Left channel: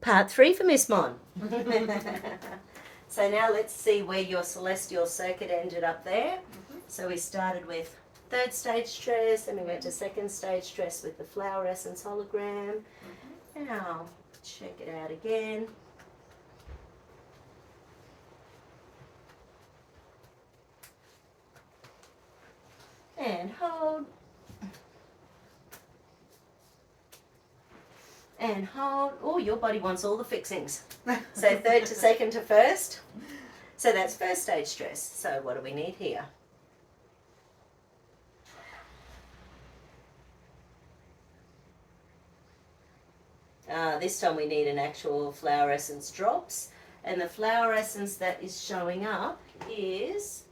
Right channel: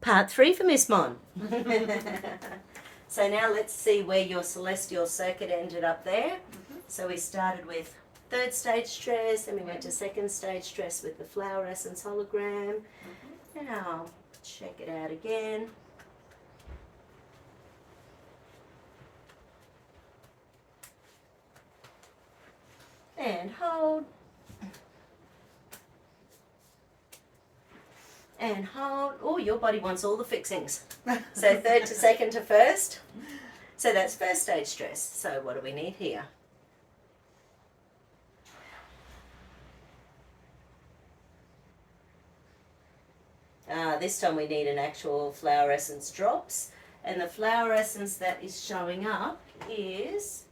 Part 3 for Miss Mon. So now let's see where your celestial circuit ended up there. So we started with third stage stress, then we went to second stage stress with the flower essence hologram. Now check it out again. And hold. And hold. Oh, your body wants all the fixings. So third to second to first. So that's first stage stress. So what do we need here? This time we need an actual flower essence drops. And the flower essence that is showing up is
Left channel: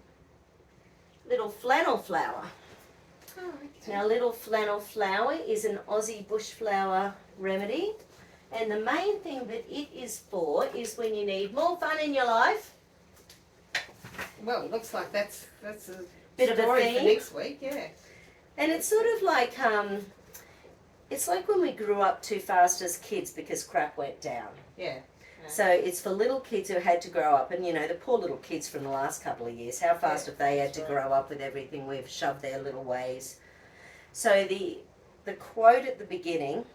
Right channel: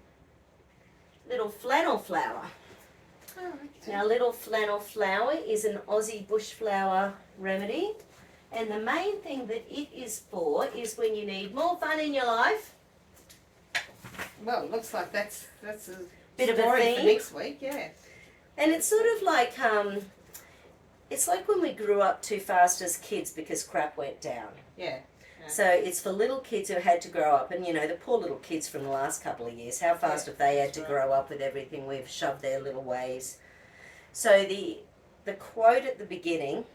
little flannel flower. Oh, okay. Now, little flannel flower is an Aussie bush flower remedy. And the main thing that it is for is when you need more fun in your life. Well, it looks like that's a Bit of a story theme. for next week, yeah. And it's sort of like, it's like when we grew up too fast as kids because crap went down. Yeah. So it's for little kids who had to grow up, and you know, the poor little kids from the last couple of years, how fast have they had to grow up with everything we've shoved their little ways. So the quote at the beginning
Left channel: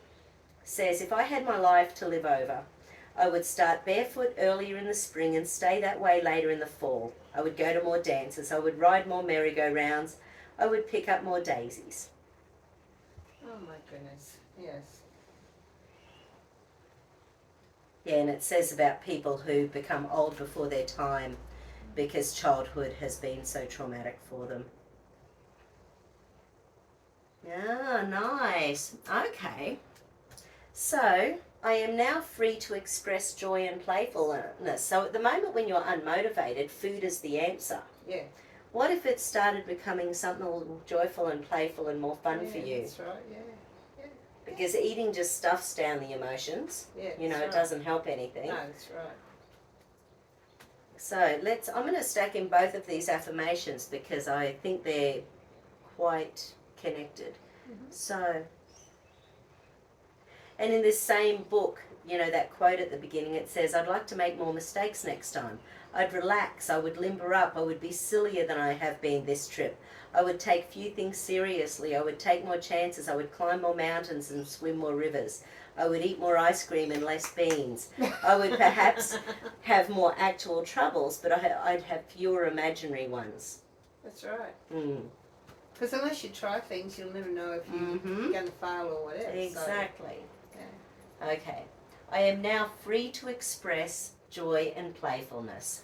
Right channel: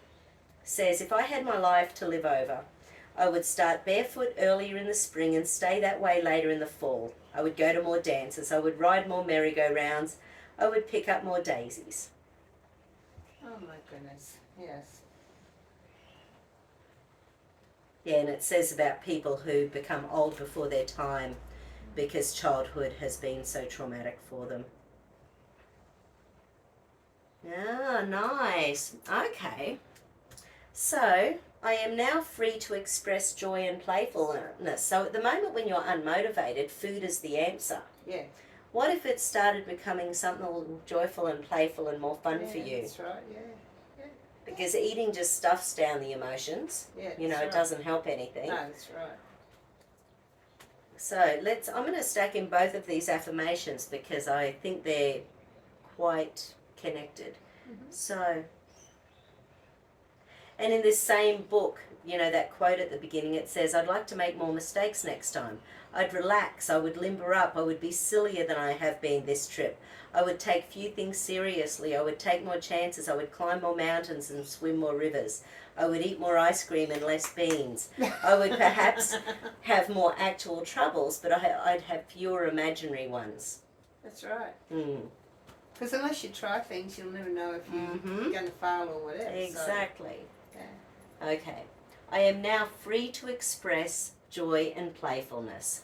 says, if I had my life to live over, I would start barefoot earlier in the spring and stay that way later in the fall. I would go to more dances, I would ride more merry-go-rounds, I would pick up more daisies. Oh my goodness, yes. Yeah, and it says about people who become old before their time because childhood has been so traumatic for them. Ah, nice. Okay. So, I am now free to express joy and playfulness. So at the moment when you're unmotivated, food is the answer. Yeah. What if it started becoming something a little joyful and playful and more fun for you? That's right, yeah. Because eating just stuffs down the emotions. Yeah, You know, that's it right. doesn't help anything. No, that's right. So I'm going to stack in both of these affirmations because I think they're quite connected. So, and in this same book, you know, that quote at the beginning, it says, I'd like to make more mistakes next time. I'd relax, I would limber up, I would be sillier than I have been this trip. I would take few things seriously, I would take more chances, I would climb more mountains and swim more rivers. I would eat more ice cream and less beans. I would perhaps have more actual troubles, but I'd have fewer imaginary ones. That's right. Because unless you try things, you'll never know if you're going to fail or whatever. Exactly. So, yeah. Okay. I am now free to express joy and playfulness.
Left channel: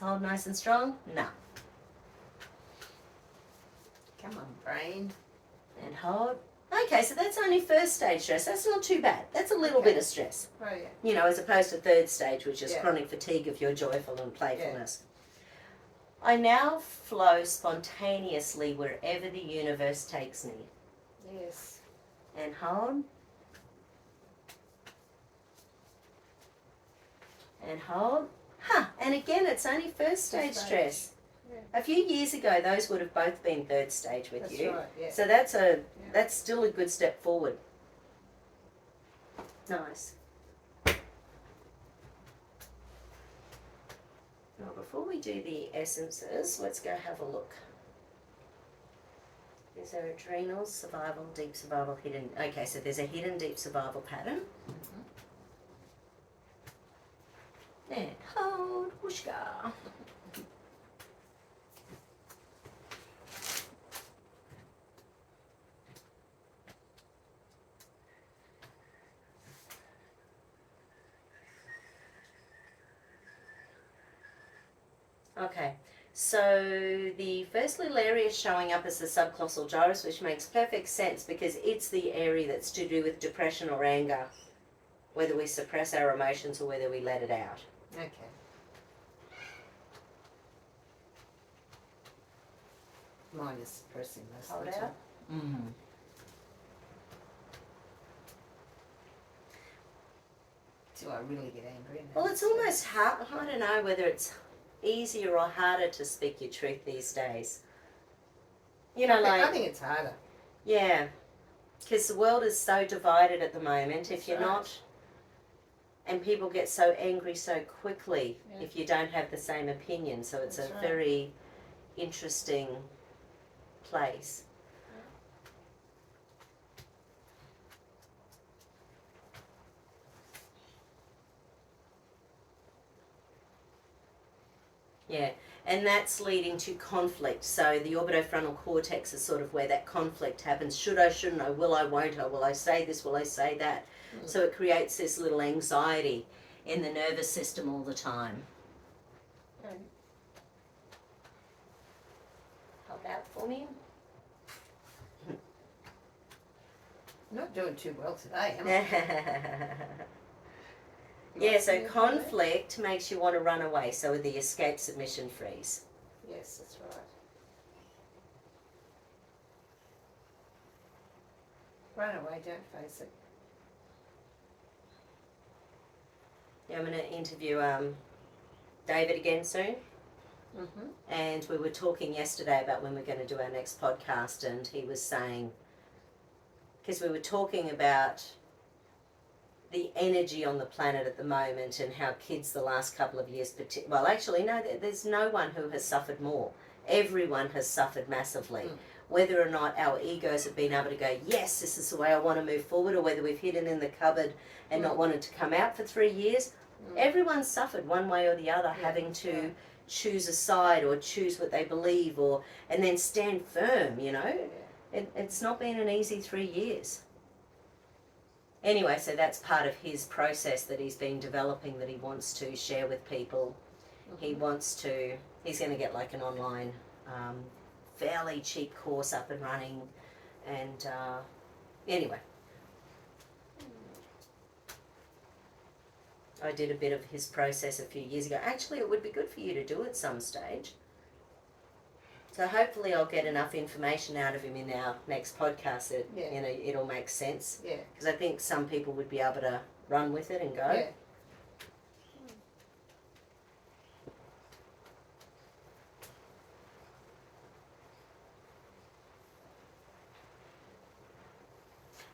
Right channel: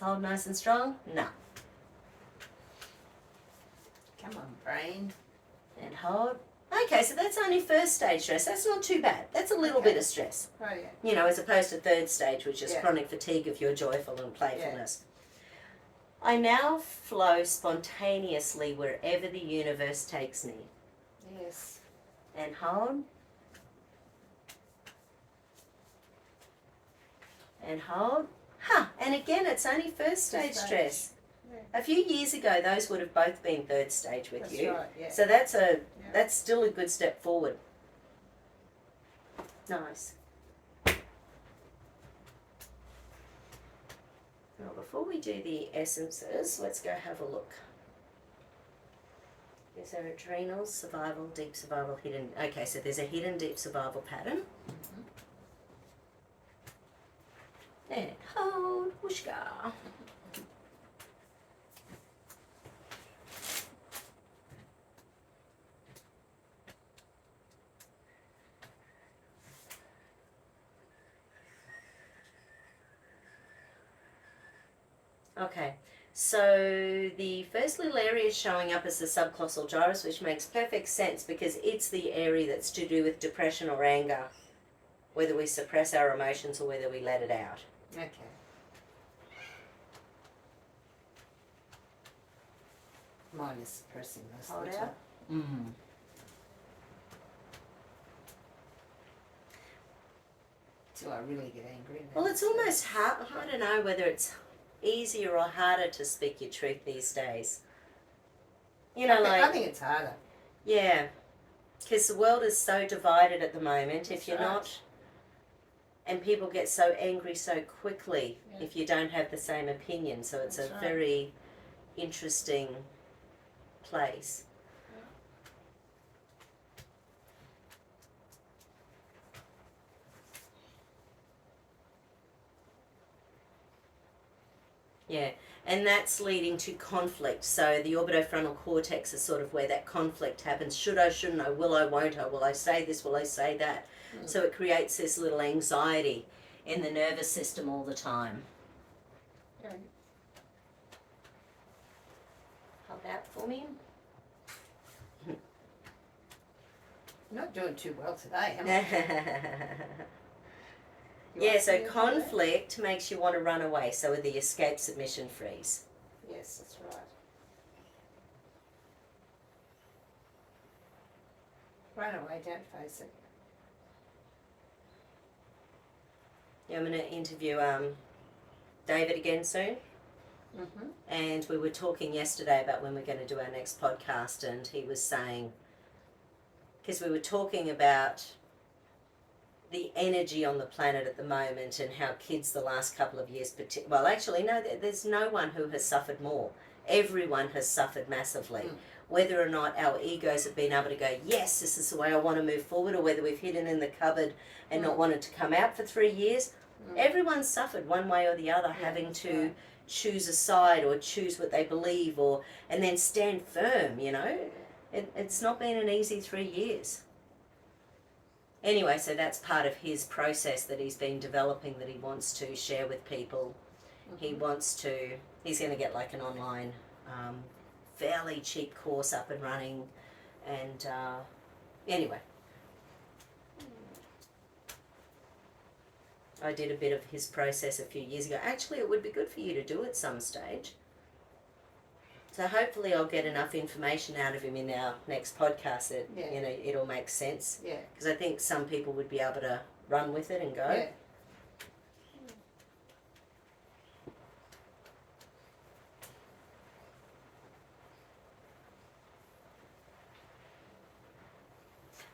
Hold nice and strong? No. Come on, brain. And hold. Okay, so that's only first stage stress. That's not too bad. That's a little bit of stress. Oh, yeah. You know, as opposed to third stage, which is chronic fatigue of your joyful and playfulness. I now flow spontaneously wherever the universe takes me. Yes. And hold. And hold. And again, it's only first stage stress. Yeah. A few years ago, those would have both been third stage with you. Right, yeah. So that's still a good step forward. Nice. Now, before we do the essences, let's go have a look. Is there adrenals, survival, deep survival, hidden? Okay, so there's a hidden deep survival pattern. And hold, whooshka. Okay, so the first little area is showing up as the subclausal gyrus, which makes perfect sense because it's the area that's to do with depression or anger, whether we suppress our emotions or whether we let it out. Okay. Mine is suppressing most Hold of the out. time. Do I really get angry? Well, it's almost hard. I don't know whether it's easier or harder to speak your truth these days. You know, I think it's harder. Yeah, because the world is so divided at the moment. That's if you're right. not And people get so angry so quickly Yeah. if you don't have the same opinion. So it's That's a right. very interesting place. Yeah, and that's leading to conflict. So the orbitofrontal cortex is sort of where that conflict happens. Should I, shouldn't I, will I, won't I, will I say this, will I say that? So it creates this little anxiety in the nervous system all the time. Yeah. Hold that for me. Not doing too well today, am I? Yeah, so Yeah. conflict makes you want to run away. So with the escape, submission, freeze. Yes, that's right. Run away, don't face it. Yeah, I'm going to interview David again soon. Mm-hmm. And we were talking yesterday about when we're going to do our next podcast, and he was saying, because we were talking about the energy on the planet at the moment and how kids the last couple of years, well, actually, no, there's no one who has suffered more. Everyone has suffered massively. Mm. Whether or not our egos have been able to go, yes, this is the way I want to move forward, or whether we've hidden in the cupboard and not wanted to come out for 3 years, everyone's suffered one way or the other, having to choose a side or choose what they believe, or and then stand firm, you know. It's not been an easy 3 years. Anyway, so that's part of his process that he's been developing, that he wants to share with people. He wants to, he's going to get like an online, fairly cheap course up and running. And anyway, I did a bit of his process a few years ago. Actually, it would be good for you to do at some stage. So hopefully I'll get enough information out of him in our next podcast that, you know, it'll make sense. Yeah. Because I think some people would be able to run with it and go. Yeah.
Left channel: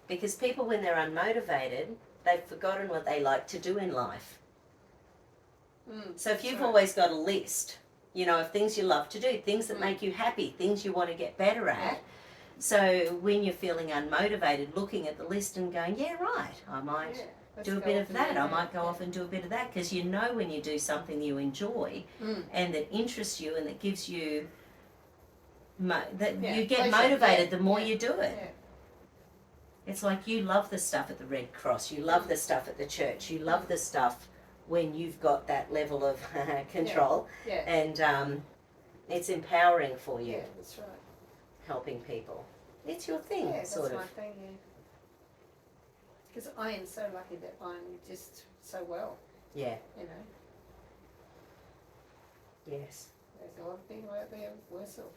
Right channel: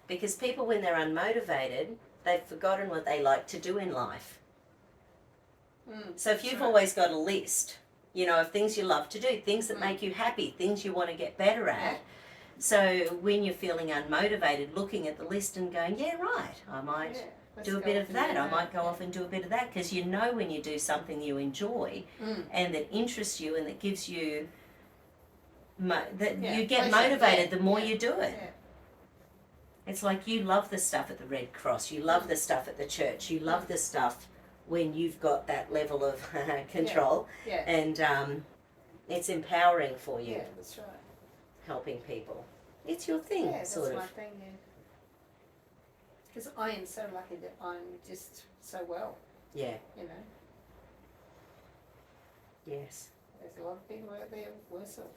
Because people, when they're unmotivated, they've forgotten what they like to do in life. So if you've always got a list, you know, of things you love to do, things that make you happy, things you want to get better at. So when you're feeling unmotivated, looking at the list and going, yeah, right, I might do a bit of that. I might go off and do a bit of that. Because you know when you do something you enjoy and that interests you and that gives you, you get motivated the more you do it. Yeah. It's like you love the stuff at the Red Cross, you love the stuff at the church, you love the stuff when you've got that level of control, and it's empowering for you. Yeah, that's right. Helping people. It's your thing, Yeah, sort that's of. my thing, yeah. Because I am so lucky that I'm just so well, Yeah, you know. yes. There's a lot of people out there worse off.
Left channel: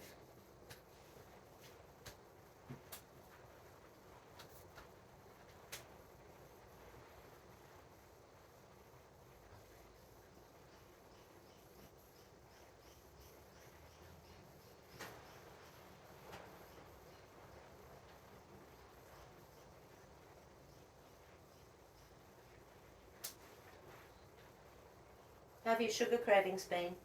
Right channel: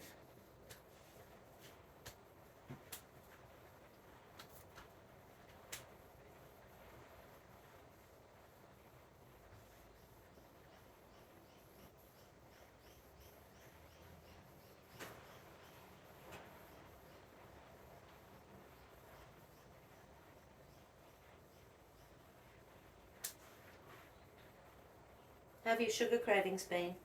How have your sugar cravings been?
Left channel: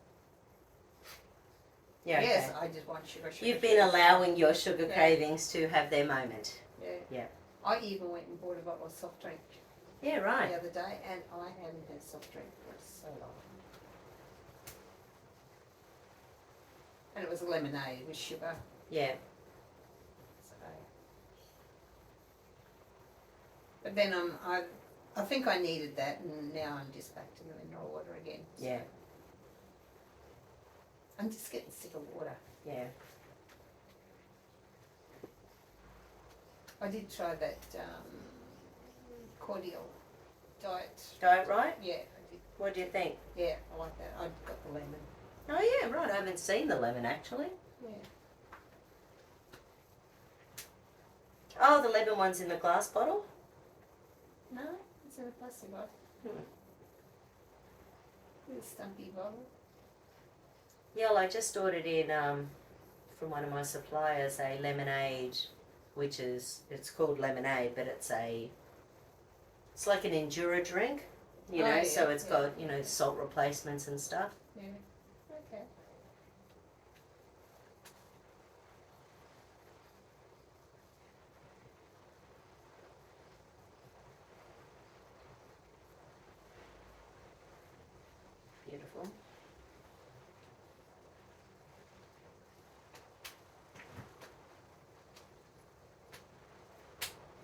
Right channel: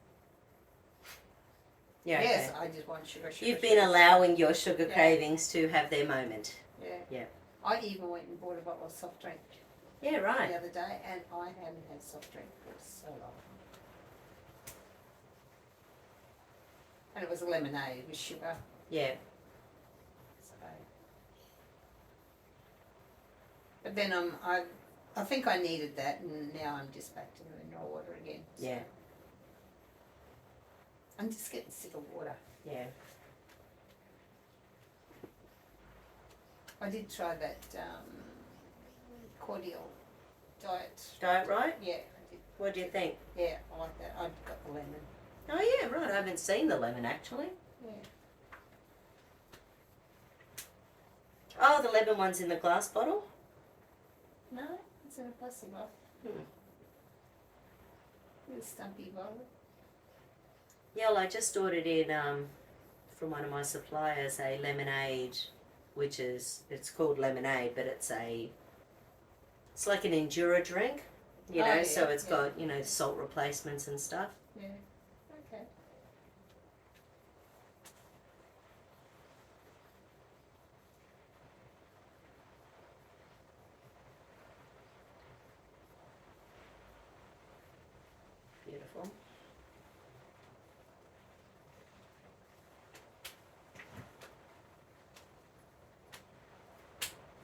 Yeah, Yes, okay. I just want sugar. You've been allowing your sugar cravings to have their moment. Yeah. Yeah. I even went and bought a bottle of soft drink Yeah, right. the other day, and I haven't had soft drink for so long. And it was a lemonade with sugar. Yeah. So. But then I think I needed that, and now I'm just back to the mineral water again. So. Yeah. I'm just getting sick of water. Yeah. I did try that cordial diet. Diet right? Yeah, I did. What do you think? Yeah, I like that. I got the lemon. Oh yeah, right. I haven't seen the lemon actually. Yeah. Oh, the lemon one's in the glass bottle? No, it's in a plastic bottle. With a stumpy bottle. Yeah, well, I just ordered in from one of my suppliers a lemonade, which is, it's called lemonade, but it's like an enduro drink. you know, Oh, yeah, so it's yeah. got, you know, salt replacements and stuff. Yeah. Okay. Beautiful.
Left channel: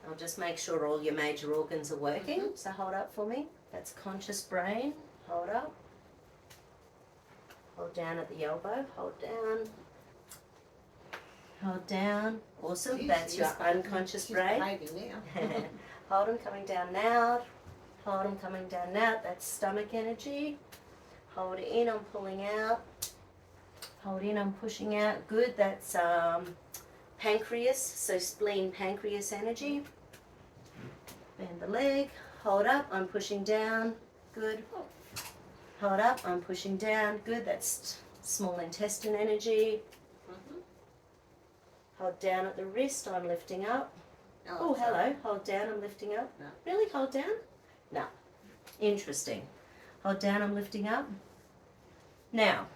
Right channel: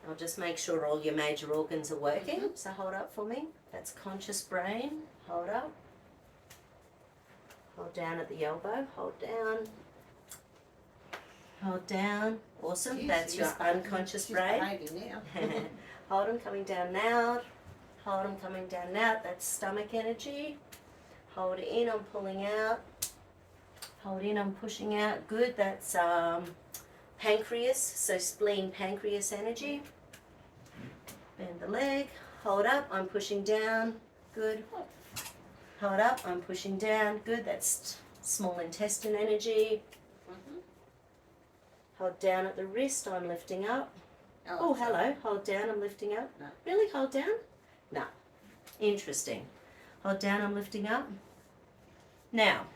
I'll just make sure all your major organs are working. Mhm. So hold up for me. That's conscious brain. Hold up. Hold down at the elbow. Hold down. Hold down. Awesome. Jeez, That's your she's unconscious she's brain. behaving now. Hold them coming down now. Hold them coming down now. That's stomach energy. Hold in, I'm pulling out. Hold in, I'm pushing out. Good. That's pancreas. So spleen, pancreas energy. Bend the leg. Hold up, I'm pushing down. Good. Hold up, I'm pushing down. Good. That's small intestine energy. Mhm. Hold down at the wrist, I'm lifting up. Oh, Oh, hello. Hold down, I'm lifting up. No. Really? Hold down? No. Interesting. Hold down, I'm lifting up. Now,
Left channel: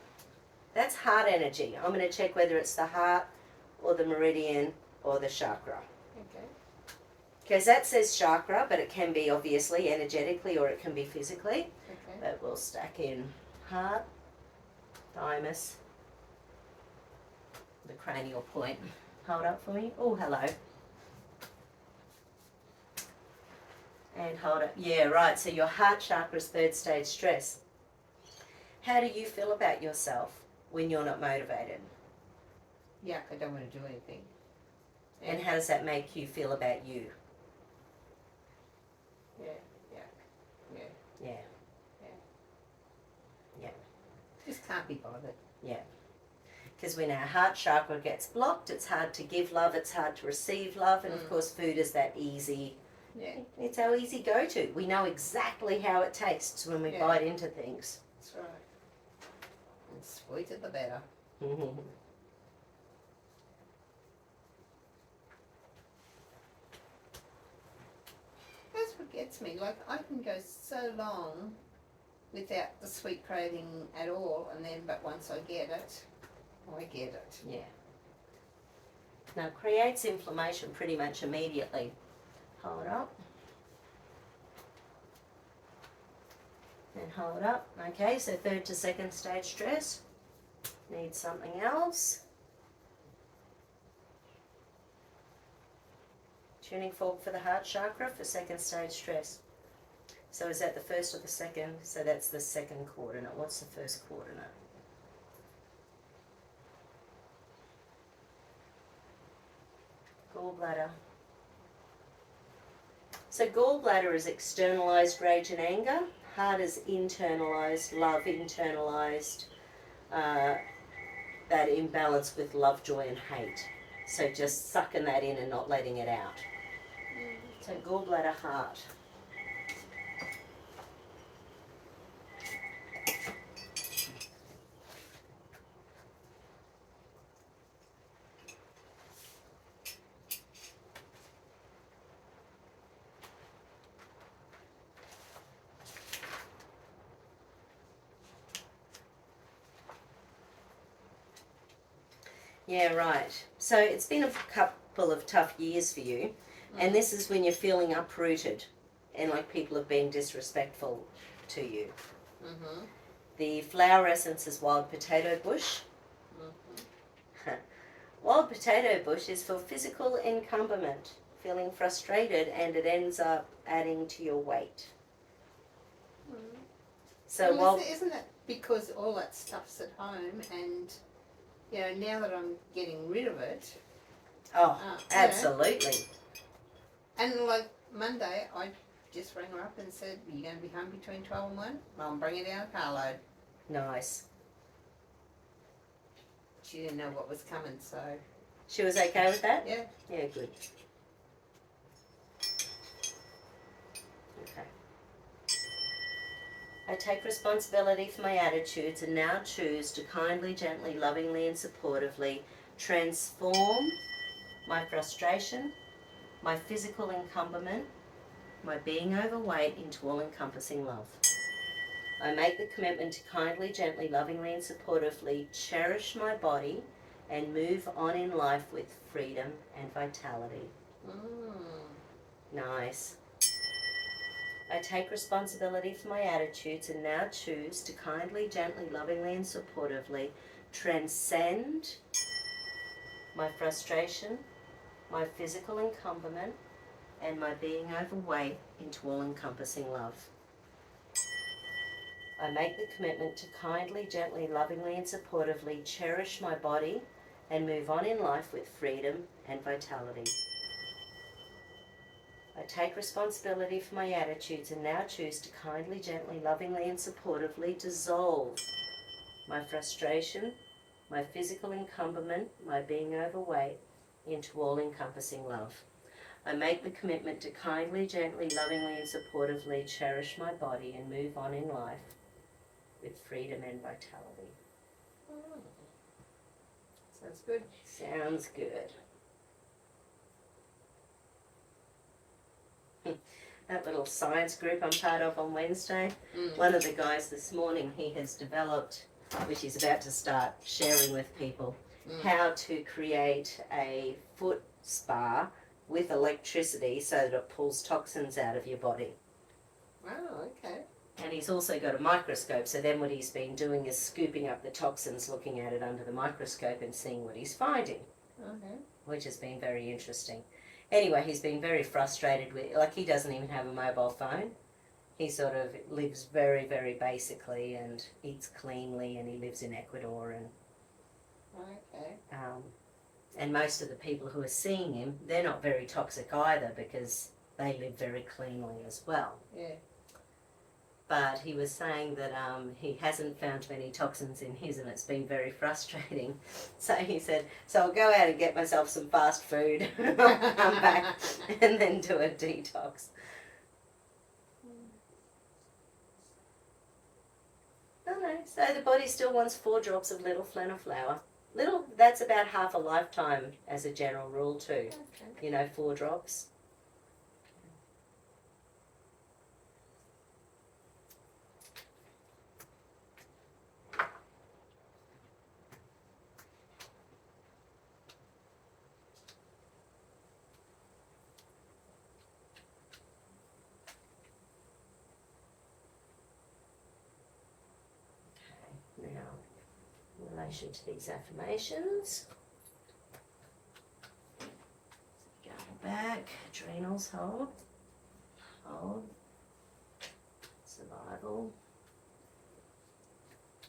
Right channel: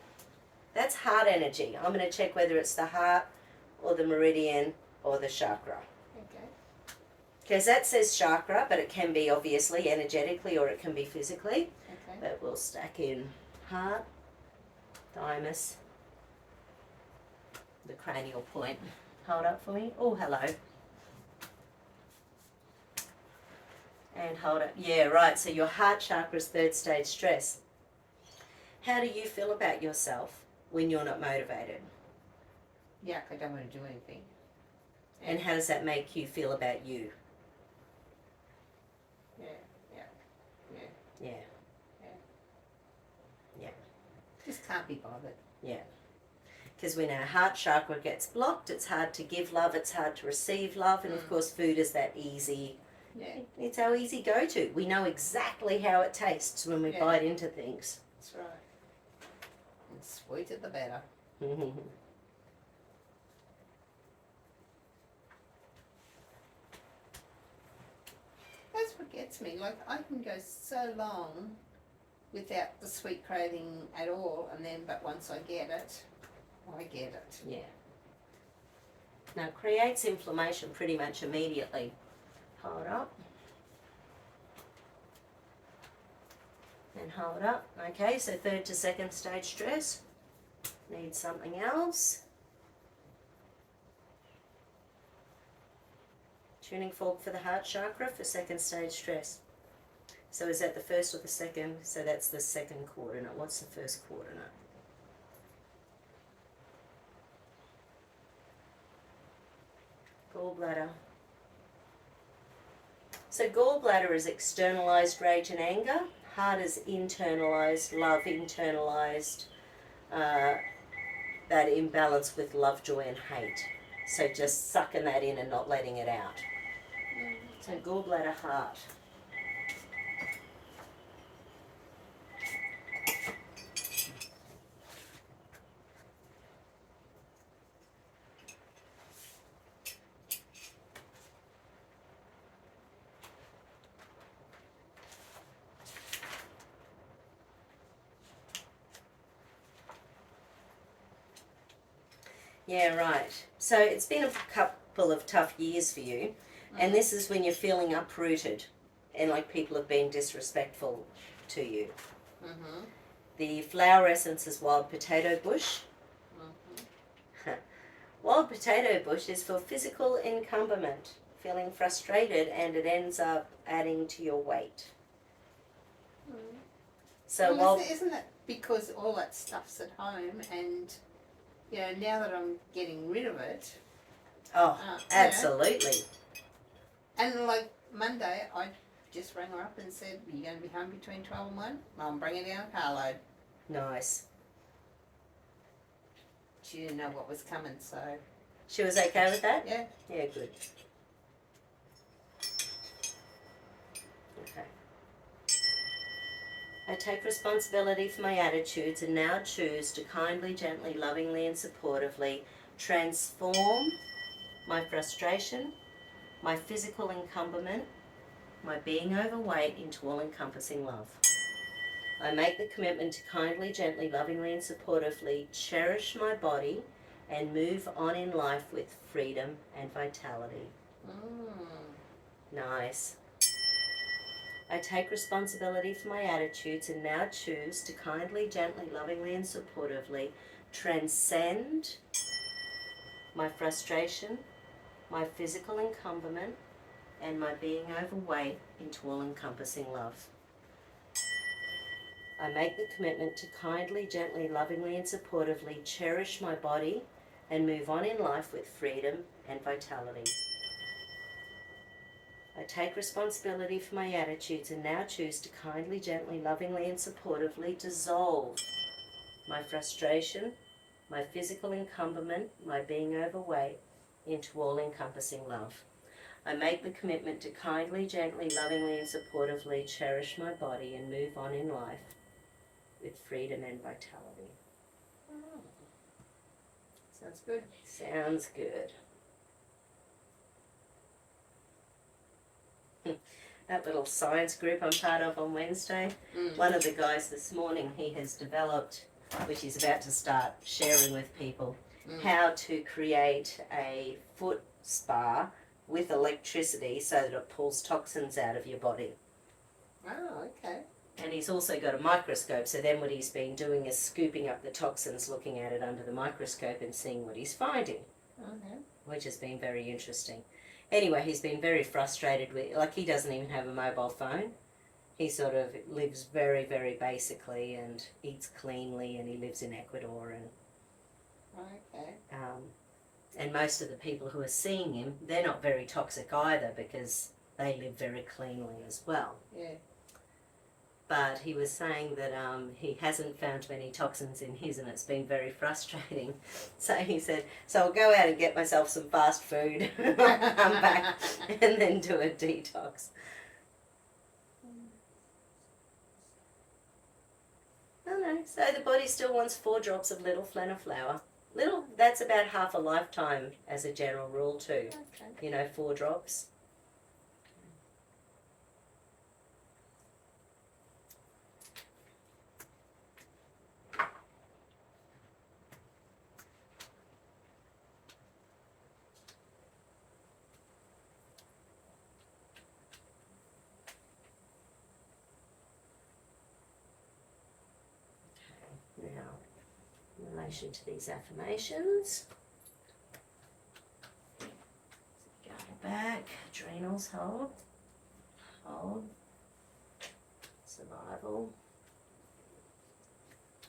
that's heart energy. I'm going to check whether it's the heart or the meridian or the chakra. Okay. Because that says chakra, but it can be obviously energetically or it can be physically. Okay. But we'll stack in heart, thymus, the cranial point. Hold up for me. Oh, hello. And hold up. Yeah, right. So your heart chakra is third stage stress. How do you feel about yourself when you're not motivated? Yuck, I don't want to do anything. And how does that make you feel about you? Yeah. Yeah. Just can't be bothered. Because when our heart chakra gets blocked, it's hard to give love, it's hard to receive love, and of course food is that easy. Yeah. It's our easy go-to. We know exactly how it tastes when we Yeah. bite into things. That's right. And sweeter the better. That's what gets me. Like, I can go so long without the sweet craving at all, and then, but once I get it, I get it. Yeah. Now it creates inflammation pretty much immediately. Hold up. And hold up. Okay, so third to second stage stress. Need something else. Tuning fork for the heart chakra for second stage stress. So is that the first or the second? So that's the second coordinate. What's the first coordinate? Gallbladder. So gallbladder is externalized rage and anger. Heart is internalized love, internalized that imbalance with love, joy, and hate. So just sucking that in and not letting it out. So gallbladder, heart. Yeah, right. So it's been a couple of tough years for you, and this is when you're feeling uprooted and like people have been disrespectful to you. Mm-hmm. The flower essence is wild potato bush. Mm-hmm. Wild potato bush is for physical encumberment, feeling frustrated, and it ends up adding to your weight. So Well, isn't it because all that stuff's at home, and you know, now that I'm getting rid of it, oh, yeah. absolutely. And like Monday, I just rang her up and said, "Are you going to be home between 12 and 1? Well, I'm bringing down a carload." Nice. She didn't know what was coming, so She was okay with that? yeah. Yeah, good. Okay. I take responsibility for my attitudes and now choose to kindly, gently, lovingly, and supportively transform my frustration, my physical encumberment, my being overweight into all-encompassing love. I make the commitment to kindly, gently, lovingly and supportively cherish my body and move on in life with freedom and vitality. Nice. I take responsibility for my attitudes and now choose to kindly, gently, lovingly and supportively transcend my frustration, my physical encumberment, and my being overweight into all-encompassing love. I make the commitment to kindly, gently, lovingly and supportively cherish my body and move on in life with freedom and vitality. I take responsibility for my attitudes and now choose to kindly, gently, lovingly and supportively dissolve my frustration, my physical encumberment, my being overweight into all-encompassing love. I make the commitment to kindly, gently, lovingly and supportively cherish my body and move on in life with freedom and vitality. Sounds good. Sounds good. That little science group I'm part of on Wednesday, one of the guys this morning, he has developed, which he's about to start sharing with people, how to create a foot spa with electricity so that it pulls toxins out of your body. Oh, okay. And he's also got a microscope, so then what he's been doing is scooping up the toxins, looking at it under the microscope and seeing what he's finding, which has been very interesting. Anyway, he's been very frustrated with, like, he doesn't even have a mobile phone. He sort of lives very, very basically and eats cleanly, and he lives in Ecuador. And most of the people who are seeing him, they're not very toxic either because they live very cleanly as well. Yeah. But he was saying that he hasn't found many toxins in his, and it's been very frustrating. So he said, so I'll go out and get myself some fast food, I'll come back and then do a detox. No, so the body still wants 4 drops of little flenna flower. Little, that's about half a lifetime as a general rule too. Okay. You know, 4 drops. Now, in relation to these affirmations, go back, adrenals, hold, survival,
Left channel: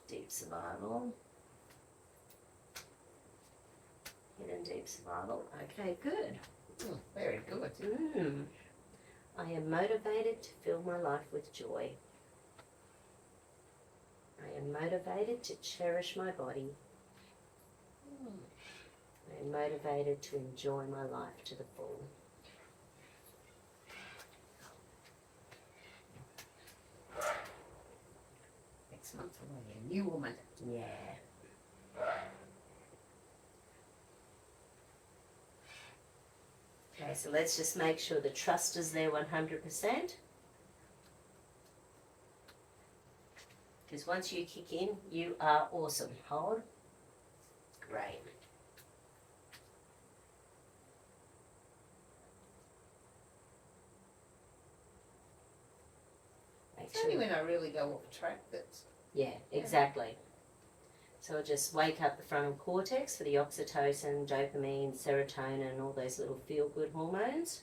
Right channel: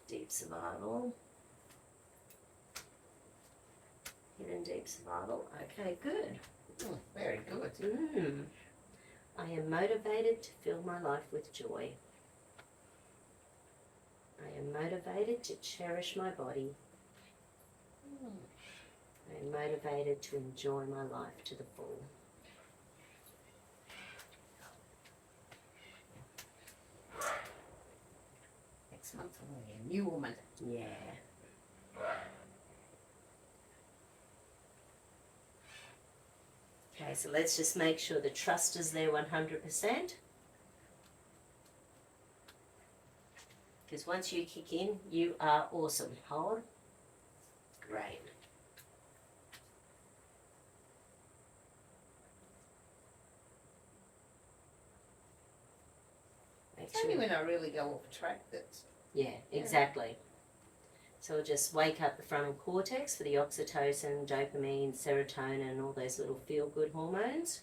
deep survival, hidden deep survival. Okay, good. Very good. I am motivated to fill my life with joy. I am motivated to cherish my body. I am motivated to enjoy my life to the full. Next month I'm going to be a new woman. Yeah. Okay, so let's just make sure the trust is there 100%. Because once you kick in, you are awesome. Hold. Great. It's only when I really go off track that... Yeah, exactly. So we'll just wake up the frontal cortex for the oxytocin, dopamine, serotonin, all those little feel-good hormones.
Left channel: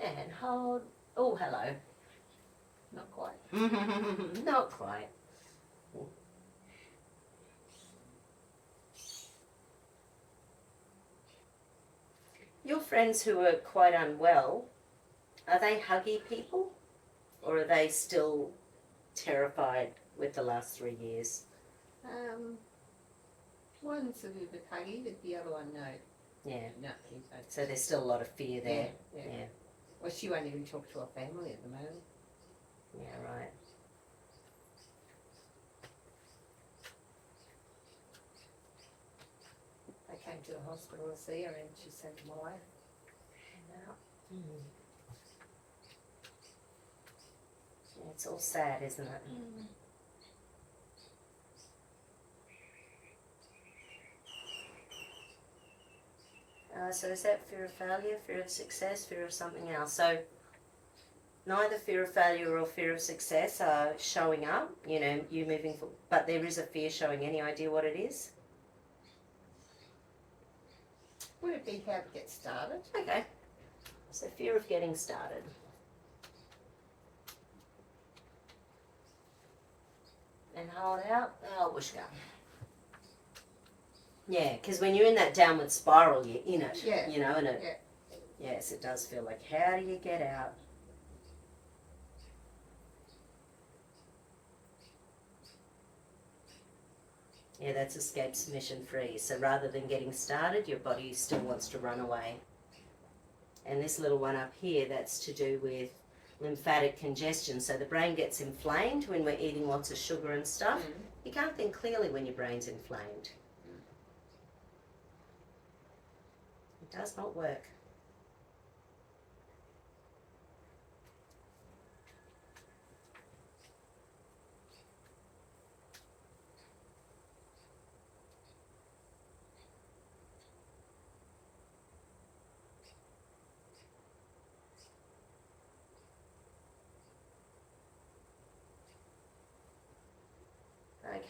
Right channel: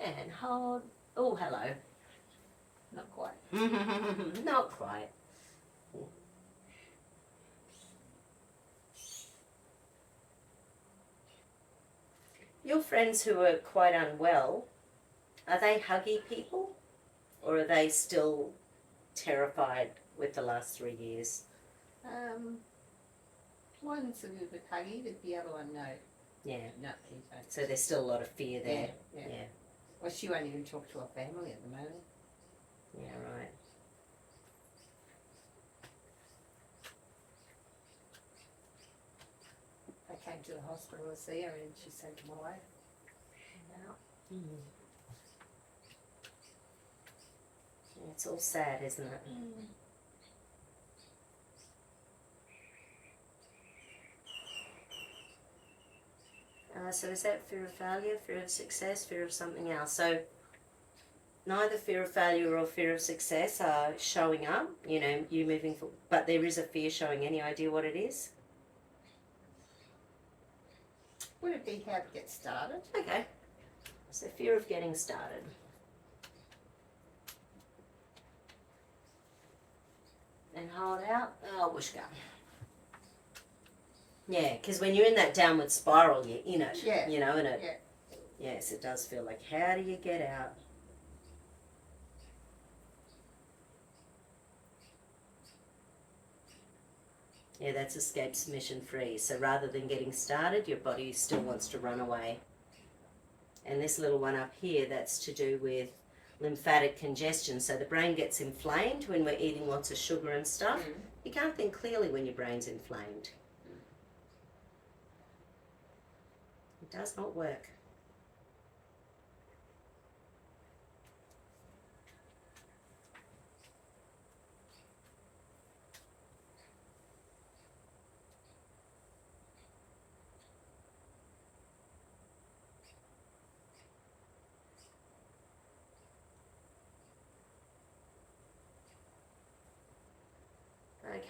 And hold. Oh, hello. Not quite. Not quite. Your friends who are quite unwell, are they huggy people? Or are they still terrified with the last 3 years? One's a little bit huggy, but the other one, no. Yeah. No, he don't. So there's still a lot of fear there. Yeah. Well, she won't even talk to her family at the moment. Yeah, right. Okay, went to the hospital to see her and she sent him away. Yeah, it's all sad, isn't it? So is that fear of failure, fear of success, fear of something else? So neither fear of failure or fear of success are showing up, you know, you moving forward, but there is a fear showing. Any idea what it is? Would it be how to get started? Okay. So fear of getting started. And hold out. Oh, whooshka. Yeah, because when you're in that downward spiral, you're in it. Yeah. You know, and it. Yeah. Yes, it does feel like, how do you get out? Yeah, that's escape submission free. So rather than getting started, your body still wants to run away. And this little one up here, that's to do with lymphatic congestion. So the brain gets inflamed when we're eating lots of sugar and stuff. You can't think clearly when your brain's inflamed. It does not work.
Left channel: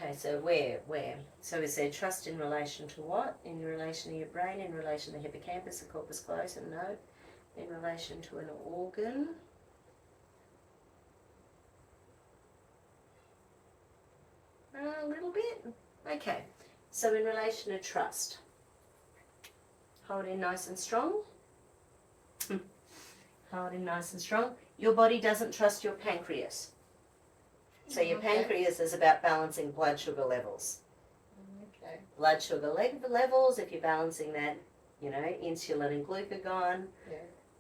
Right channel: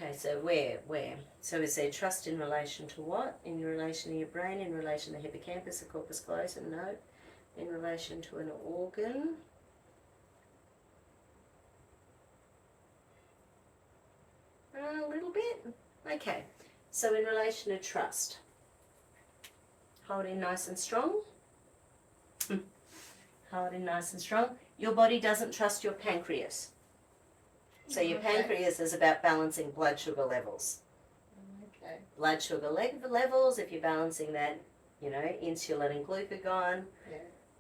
Okay, so where? So is there trust in relation to what? In relation to your brain, in relation to the hippocampus, the corpus callosum? No. In relation to an organ? A little bit. Okay, so in relation to trust. Hold in nice and strong. Hold in nice and strong. Your body doesn't trust your pancreas. So your pancreas is about balancing blood sugar levels. Okay. Blood sugar levels, if you're balancing that, you know, insulin and glucagon,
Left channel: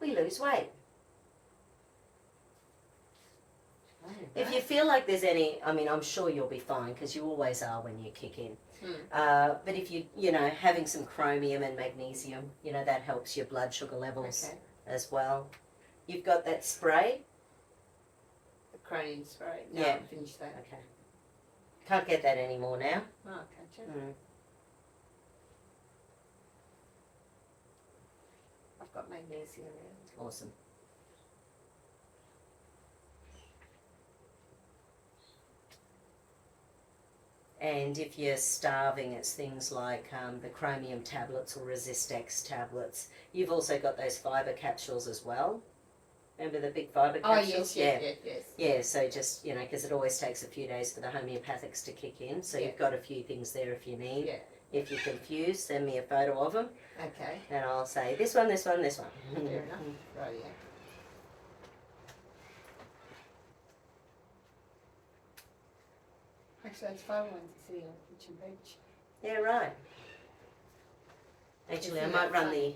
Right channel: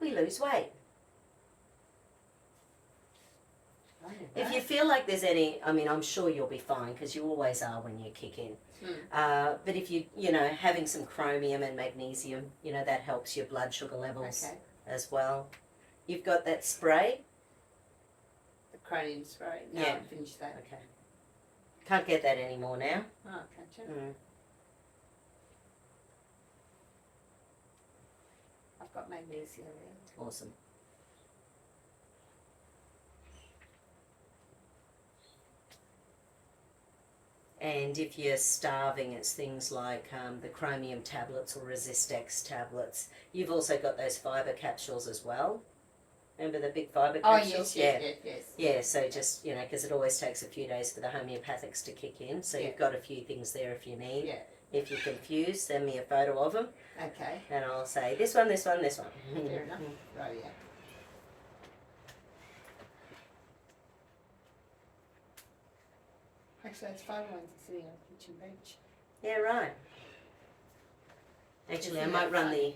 we lose weight. If you feel like there's any, I mean, I'm sure you'll be fine because you always are when you kick in. But if you know, having some chromium and magnesium, you know, that helps your blood sugar levels as well. You've got that spray. Crane spray. No, Yeah. I finished that. Okay. Can't get that anymore now. Oh, can't you? I've got magnesium now. Awesome. And if you're starving, it's things like the chromium tablets or Resistex tablets. You've also got those fibre capsules as well. Remember the big fibre capsules? Yes. Yeah, so just, you know, because it always takes a few days for the homeopathics to kick in. So you've got a few things there if you need. Yeah. If you're confused, send me a photo of them. Okay. And I'll say, this one, this one, this one. Fair enough. Right, yeah. Actually, that's fine ones sitting on the kitchen bench. Yeah, right. Actually, I might run the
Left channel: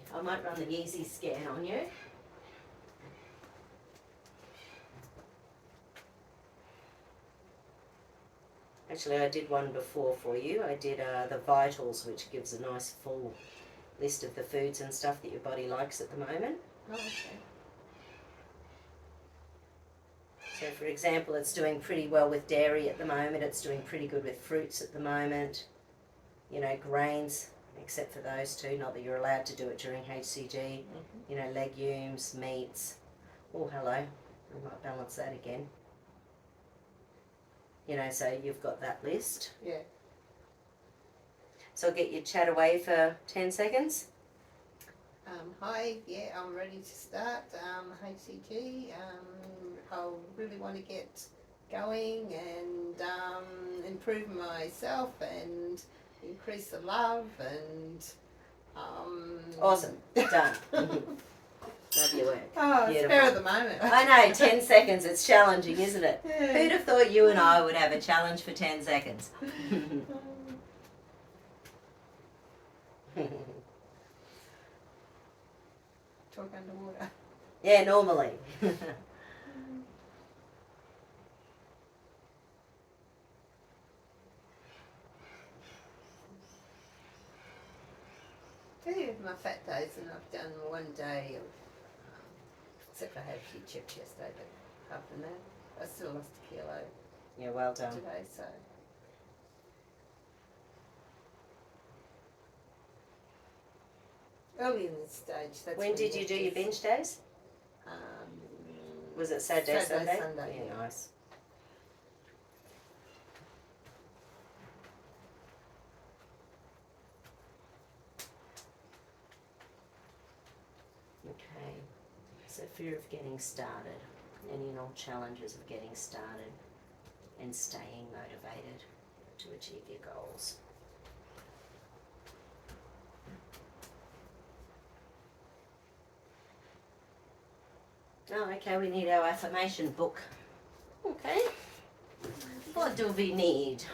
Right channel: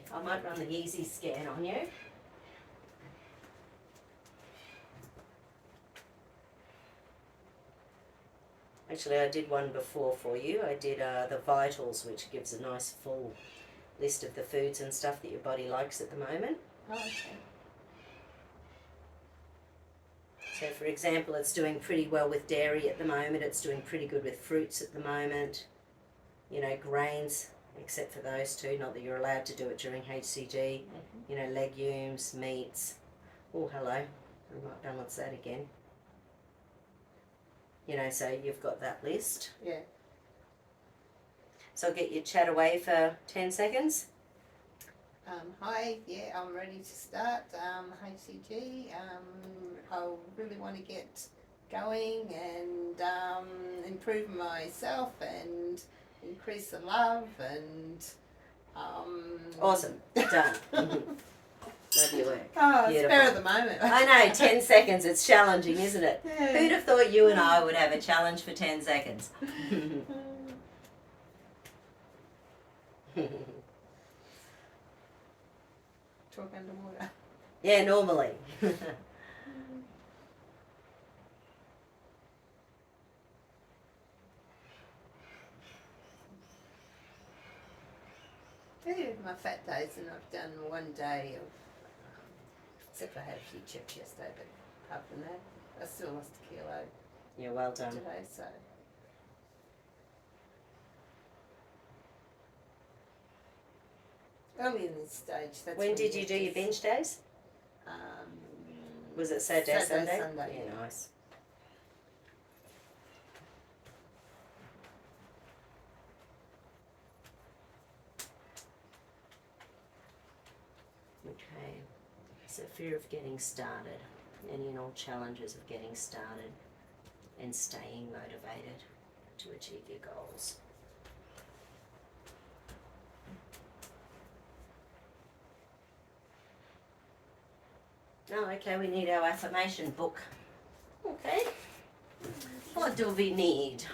easy scan on you. Actually, I did one before for you. I did the Vitals, which gives a nice full list of the foods and stuff that your body likes at the moment. Oh, okay. So, for example, it's doing pretty well with dairy at the moment. It's doing pretty good with fruits at the moment. You know, grains, except for those two. Not that you're allowed to do it during HCG. You know, legumes, meats. Oh, hello. We might balance that again. You know, so you've got that list. Yeah. So I'll get your chat away for 10 seconds. Hi, yeah, I'm ready to start HCG. I really want to get going and improve myself and increase the love and Awesome. Done. Love your work. Oh, it's Beautiful. spur of the moment. I know, 10 seconds. It's challenging, isn't it? Yeah. Who'd have thought you and I would have a challenge for 10 seconds? Talk underwater. Yeah, normally. Yeah, my fat days, and I've done one day of, except I had a few chips yesterday, but apart from that, I still lost a kilo Yeah, well done. today, so. Early in this stage, that's When did you do your binge days? Was it Saturday, Sunday? Yeah, nice. Okay, so fear of getting started, any and all challenges of getting started and staying motivated to achieve your goals. Oh, okay, we need our affirmation book. Okay, what do we need?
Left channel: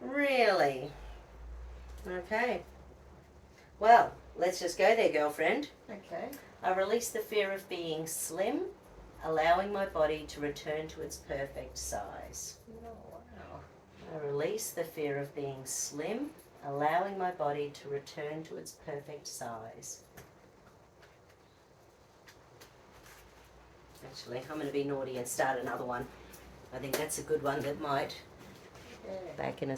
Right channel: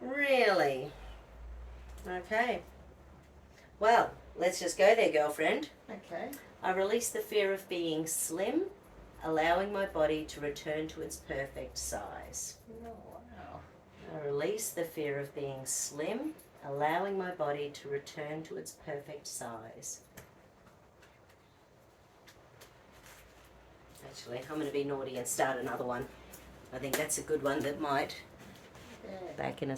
Really? Okay. Well, let's just go there, girlfriend. Okay. I release the fear of being slim, allowing my body to return to its perfect size. Oh, wow. I release the fear of being slim, allowing my body to return to its perfect size. Actually, I'm going to be naughty and start another one. I think that's a good one that might Yeah. back in a